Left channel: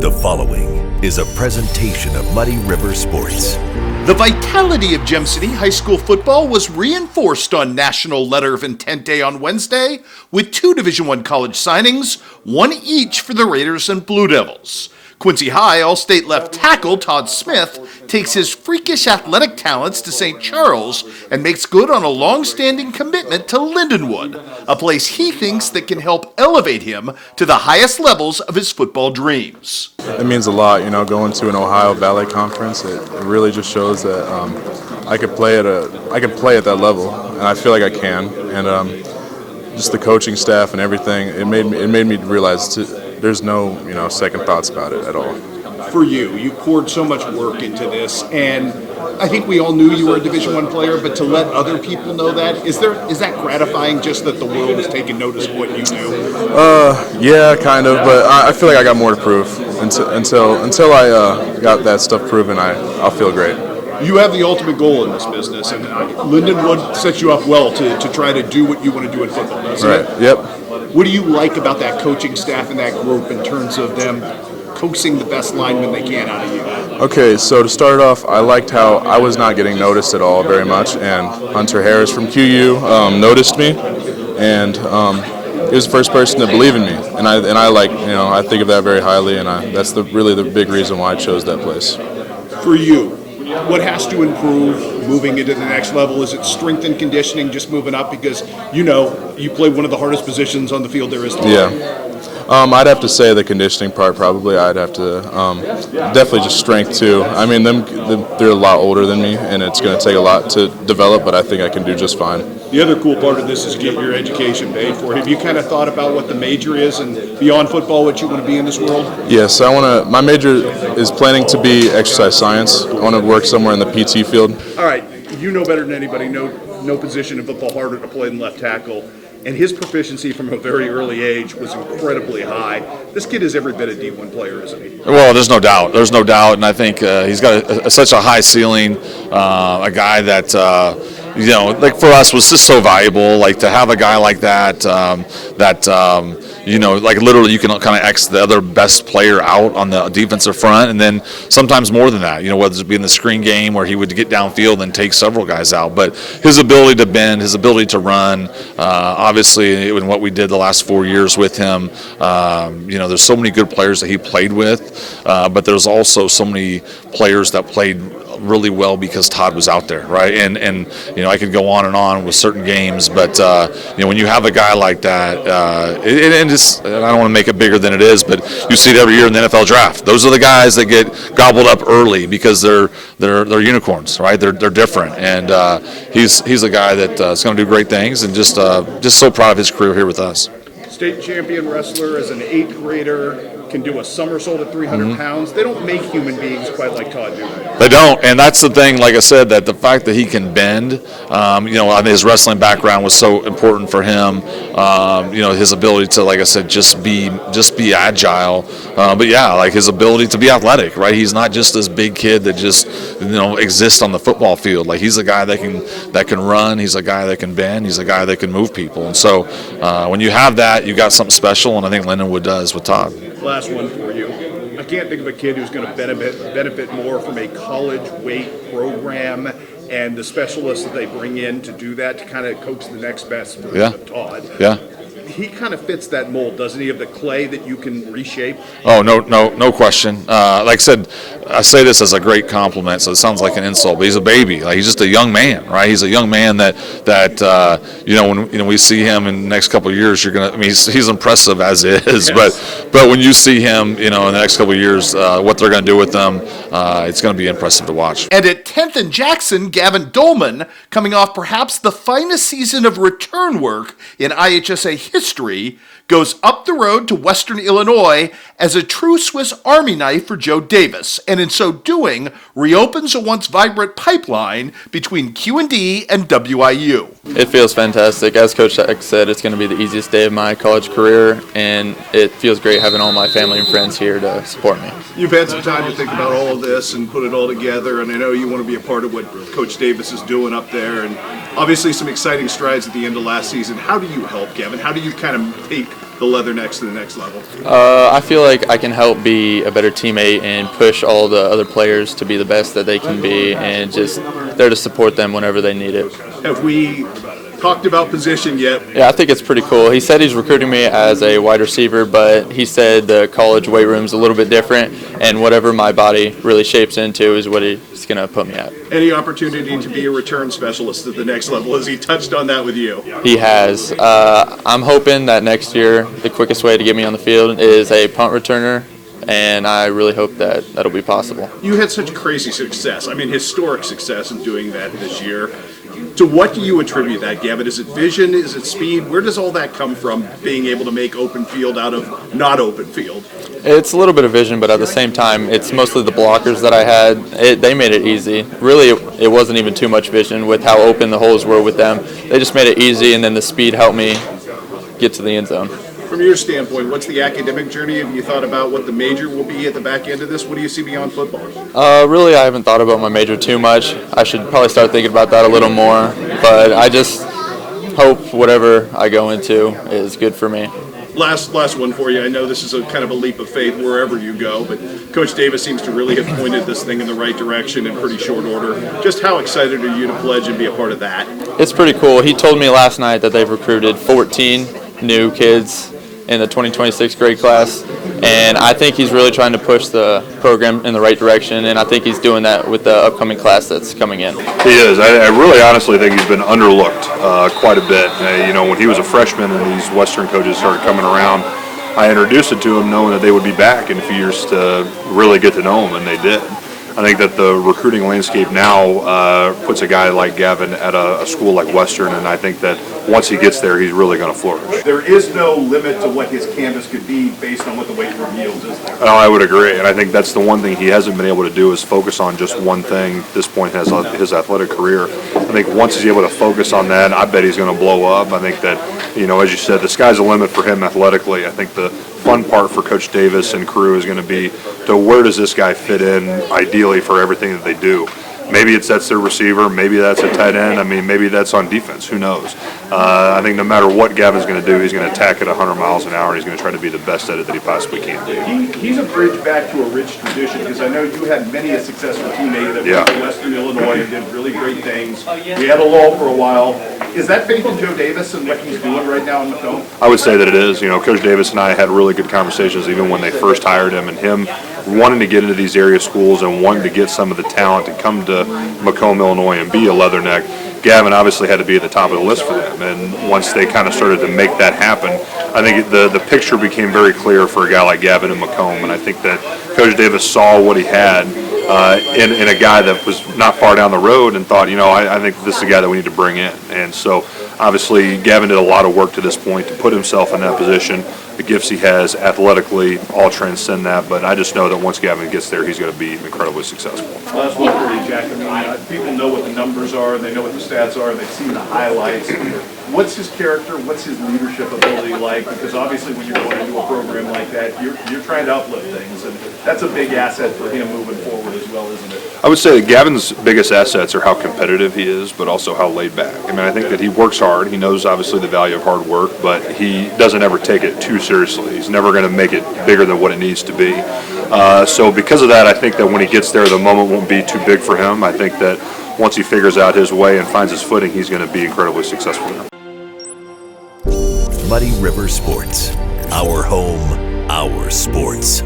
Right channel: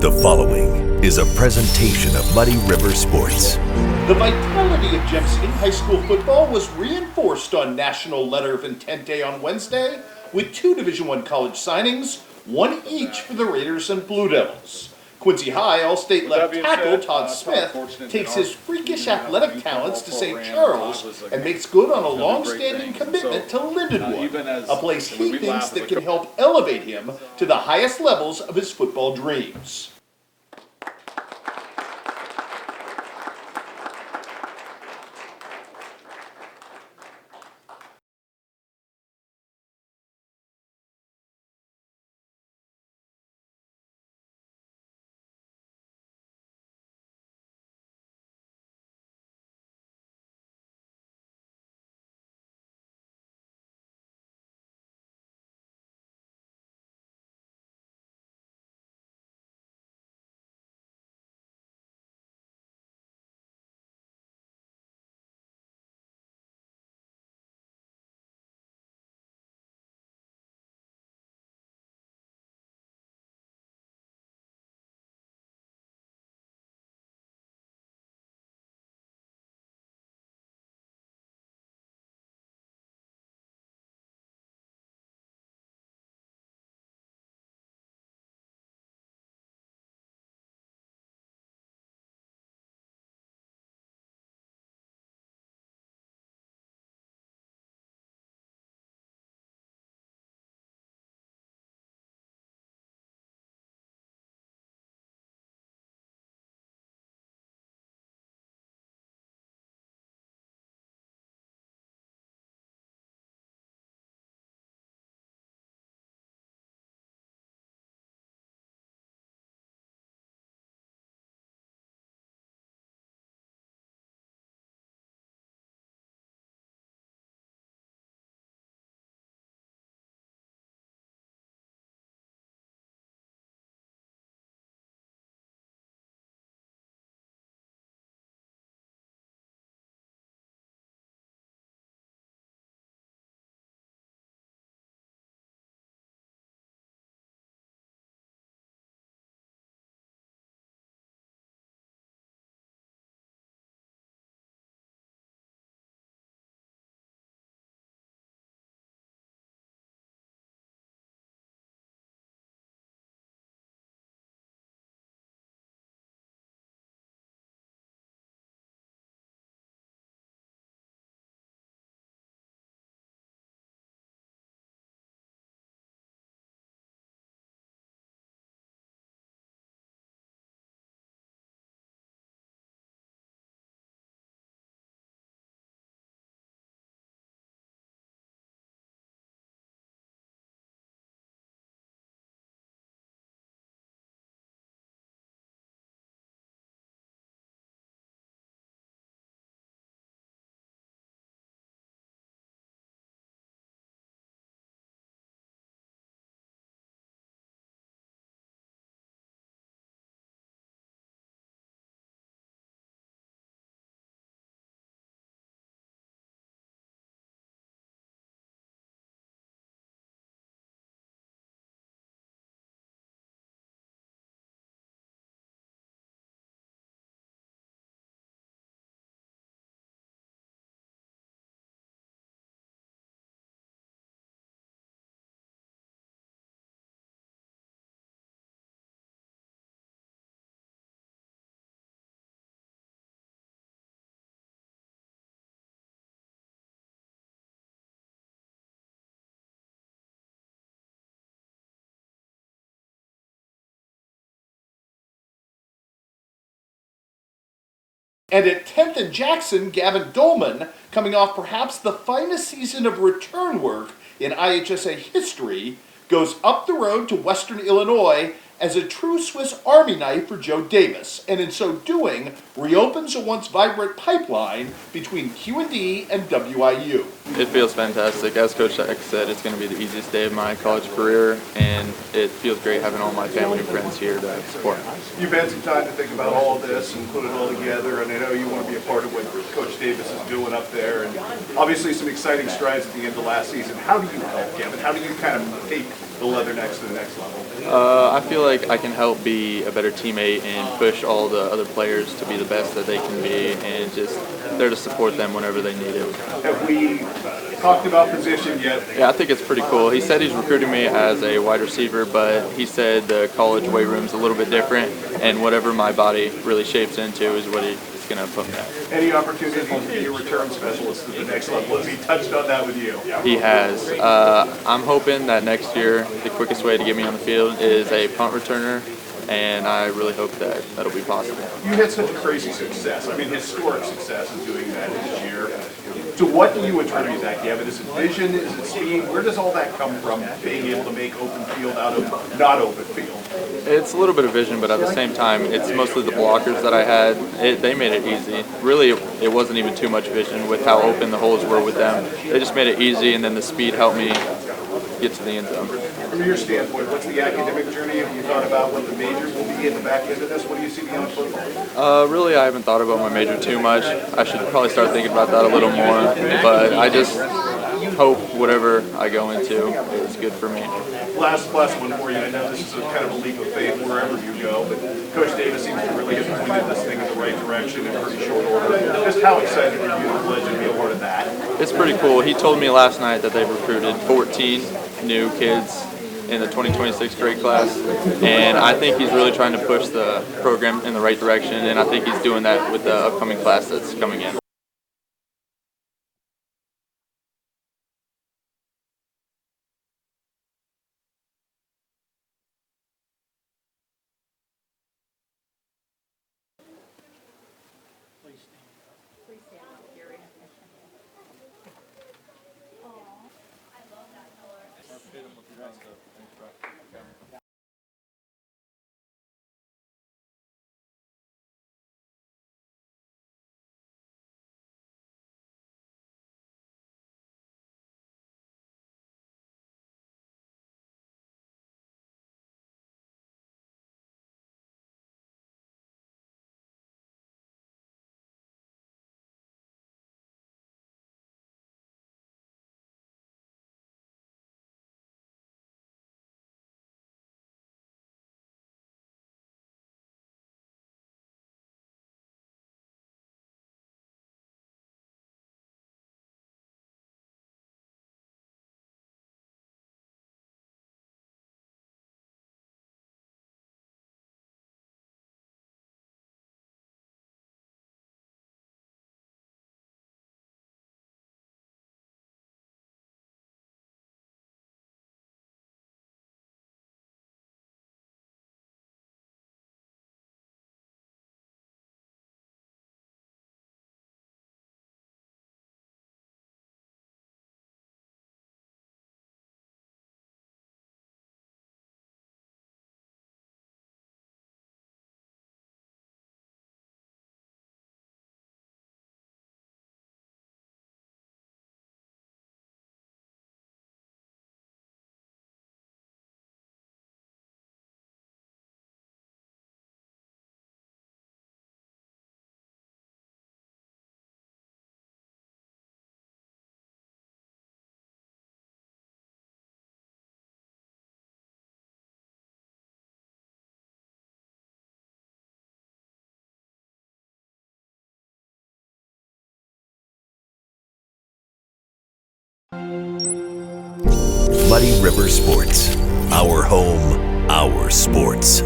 The following is a presentation of Muddy River Sports. The vitality of Gem City High School football was reinforced on National Letter of Intent Day on Wednesday with 2 Division I college signings, one each for the Raiders and Blue Devils. Quincy High All-State left tackle Todd Smith takes his freakish athletic talents to St. Charles and makes good on a long-standing commitment to Lindenwood, a place he thinks that can help elevate him to the highest levels of his football dreams. It means a lot, going to an Ohio Valley Conference. It really just shows that I could play at that level, and I feel like I can. And just the coaching staff and everything, it made me realize there's no second thoughts about it at all. For you poured so much work into this, and I think we all knew you were a Division I player, but to let other people know that, is that gratifying, just that the world is taking notice of what you do? Yeah, kind of, but I feel like I got more to prove. Until I got that stuff proven, I'll feel great. You have the ultimate goal in this business, and Lindenwood sets you up well to try to do what you want to do in football, doesn't it? Right, yep. What do you like about that coaching staff and that group in terms of them coaxing the best linemen they can out of you? Okay, so to start off, I liked how I was not getting noticed at all very much, and Hunter Harris from QU noticed me, and he was the first person to believe in me, and I think of that very highly, and that's really the big reason why I chose that place. For you, what has to improve moving into the next level? Is it strength and conditioning, just moving up? Because you play one of the hardest positions on the field there is to play. Yeah. I'd have to say the conditioning part probably. I'd have to definitely just strength too. I mean, they're a lot older than me, and it's going to take a lot to develop, but I think I can do just fine. The other cool part of this is getting your education paid for. Have you kind of thought about what the major is and beyond football, what you want to be in this world? Yes, my major is planning to be exercise science. I want to work somewhere in the PT field. All right, you know better than anybody, no position in football harder to play than left tackle. And his proficiency from a very early age was incredibly high. This kid is every bit a D1 player, isn't he? Well, there's no doubt, and I think he's got such a high ceiling, a guy that, for us was just so valuable, to have a guy like that, literally you can kind of X the other best player out on the defensive front, and then sometimes more than that, whether it be in the screen game where he would get downfield and take several guys out. But his ability to bend, his ability to run, obviously in what we did the last 4 years with him, there's so many good players that he played with, but there's also so many players that played really well because Todd was out there, right? And I could go on and on with certain games, but when you have a guy like that, and I don't want to make it bigger than it is, but you see it every year in the NFL draft. Those are the guys that get gobbled up early because they're unicorns, right? They're different, and he's a guy that's going to do great things, and just so proud of his career here with us. State champion wrestler as an 8th grader, can do a somersault at 300 pounds. They don't make human beings quite like Todd, do they? They don't, and that's the thing, like I said, that the fact that he can bend, I mean, his wrestling background was so important for him, his ability to, like I said, just be agile, but yeah, his ability to be athletic, right? He's not just this big kid that just, exists on the football field. He's a guy that can run, he's a guy that can bend, he's a guy that can move people, and so when you have that, you got something special, and I think Lindenwood does with Todd. Last one for you. I can't think of a kid who's going to benefit more from a college weight program and the specialists that they bring in to do that, to kind of coax the next best version of Todd. Yeah. He kind of fits that mold, doesn't he, of the clay that you can reshape? Oh, no question. Like I said, I say this as a great compliment, so it sounds like an insult, but he's a baby. He's just a young man, right? He's a young man that when we see him in the next couple of years, he's impressive as is, yes. But when you see him, in the next couple of years, what they're going to do with them, it's going to be impressive to watch. And at 10th and Jackson, Gavin Doellman, coming off perhaps the finest season of return work in IHSA history, goes up the road to Western Illinois as a true Swiss Army knife for Joe Davis, and in so doing, reopens a once vibrant pipeline between QND and WIU. It feels fantastic. As Coach said, it's going to be the easiest day of my college career, and it feels great having all my family and friends here to support me. You've had some time to think about all of this and put it all together, and I know you want to be a part of what Coach Davis is doing up there, and obviously some exciting strides at the end of last season. How do you help, Gavin? How do you kind of take the Leathernecks to the next level? I feel like I can help be a better teammate and push all the other players to be the best that they can be, and just there to support them whenever they need it. Have we talked about position yet? Yeah, I think it's pretty cool. He said he's recruiting me as a wide receiver, but he said the college weight room's a little bit different, and whatever my body really shapes into is what he's going to put me at. Any opportunity to be a return specialist at the next level? Has he touched on that with you? He has. I'm hoping that next year the quickest way to get me on the field is a punt returner, and I really hope that that'll be possible. You had such crazy success. I mean, historic success in doing that this year. To what do you attribute that, Gavin? Is it vision? Is it speed? Where does all that come from, being able to make open field out of not open field? It's a little bit of vision, but at the same time, it's mostly the blockers that I had. They made it easy. Really, it wasn't even too much vision with how open the holes were with them. They just made it easy, and then the speed helped me get to the end zone. From your standpoint, what's the academic journey? Have you thought about what the major will be at the back end of this? What do you see beyond football? Really, I haven't thought about my major too much. I should probably start thinking about that a little more, but I just hope whatever I go into is good for me. Last one for you. I know this is a kind of a leap of faith wherever you go, but Coach Davis seems to really have pointed this thing in the right direction in pretty short order. Just how excited are you to pledge and be a part of that? It's pretty cool. He told me last night that they've recruited 14 new kids in the 2026 grade class, and I think he's really trying to push the program in the right direction, and I think he's doing that with the upcoming class that's coming in. He is. I really honestly think he's been underlooked quite a bit. When he was a freshman and these Western coaches started coming around, I introduced it to him knowing that they would be back in a few years to really get to know him, and they did. I think that the recruiting landscape now puts a guy like Gavin at a school like Western, and I think that once he gets there, he's really going to flourish. There is no limit to what his canvas could be based on what the weight room yields, is there? No, I would agree, and I think that's the one thing he hasn't been able to do is focus on just one thing at this point in his athletic career. I think once he's able to focus on that, I bet he's going to blow up. I think that, as you said, the sky's the limit for him athletically. I think the fun part for Coach Davis and crew is going to be to where does this guy fit in ideally for everything that they do. Maybe that's their receiver, maybe that's a tight end, maybe that's on defense, who knows. I think no matter what Gavin's going to do, he's going to attack at 100 miles an hour, and he's going to try to be the best at it that he possibly can do. He's a bridge back to a rich tradition, because I know you had many a successful teammate that went to Western Illinois and did really great things. We had a lull for a while. Is that faith in Joe Davis and what he's doing right now in Macomb? I would say that it is. Coach Davis and I had really good conversations even when they first hired him, and him wanting to get into these area schools and wanting to get some of the talent to come to Macomb, Illinois and be a Leatherneck. Gavin obviously had to be at the top of the list for them, and once they kind of started to make that happen, I think the picture became very clear for a guy like Gavin in Macomb, and I think that Coach Davis saw what he had in a guy that was not far down the road and thought, I think this is a guy that we need to bring in. And so obviously Gavin did a lot of work to this point to put himself in that position. The gifts he has athletically all transcend that, but I just know that once Gavin gets there, he's going to be incredibly successful. Last one for you, Jack. People know what the numbers are, they know what the stats are, they've seen the highlights. What's his character? What's his leadership ability like? Because obviously when you're going into a program like that, you're trying to uplift things, and that's a big asset for him moving forward as well, isn't it? I would say that Gavin's biggest assets are how competitive he is, but also how laid back. I think that he works hard. He knows obviously the value of hard work, but he doesn't ever take it too seriously. He's never going to make it bigger than what it needs to be. So because of that, I think that when he gets there, the moment won't be too big for him. I think that once he figures out his way and finds his footing, he's going to be incredibly successful there. Muddy River Sports. Our home, our sports.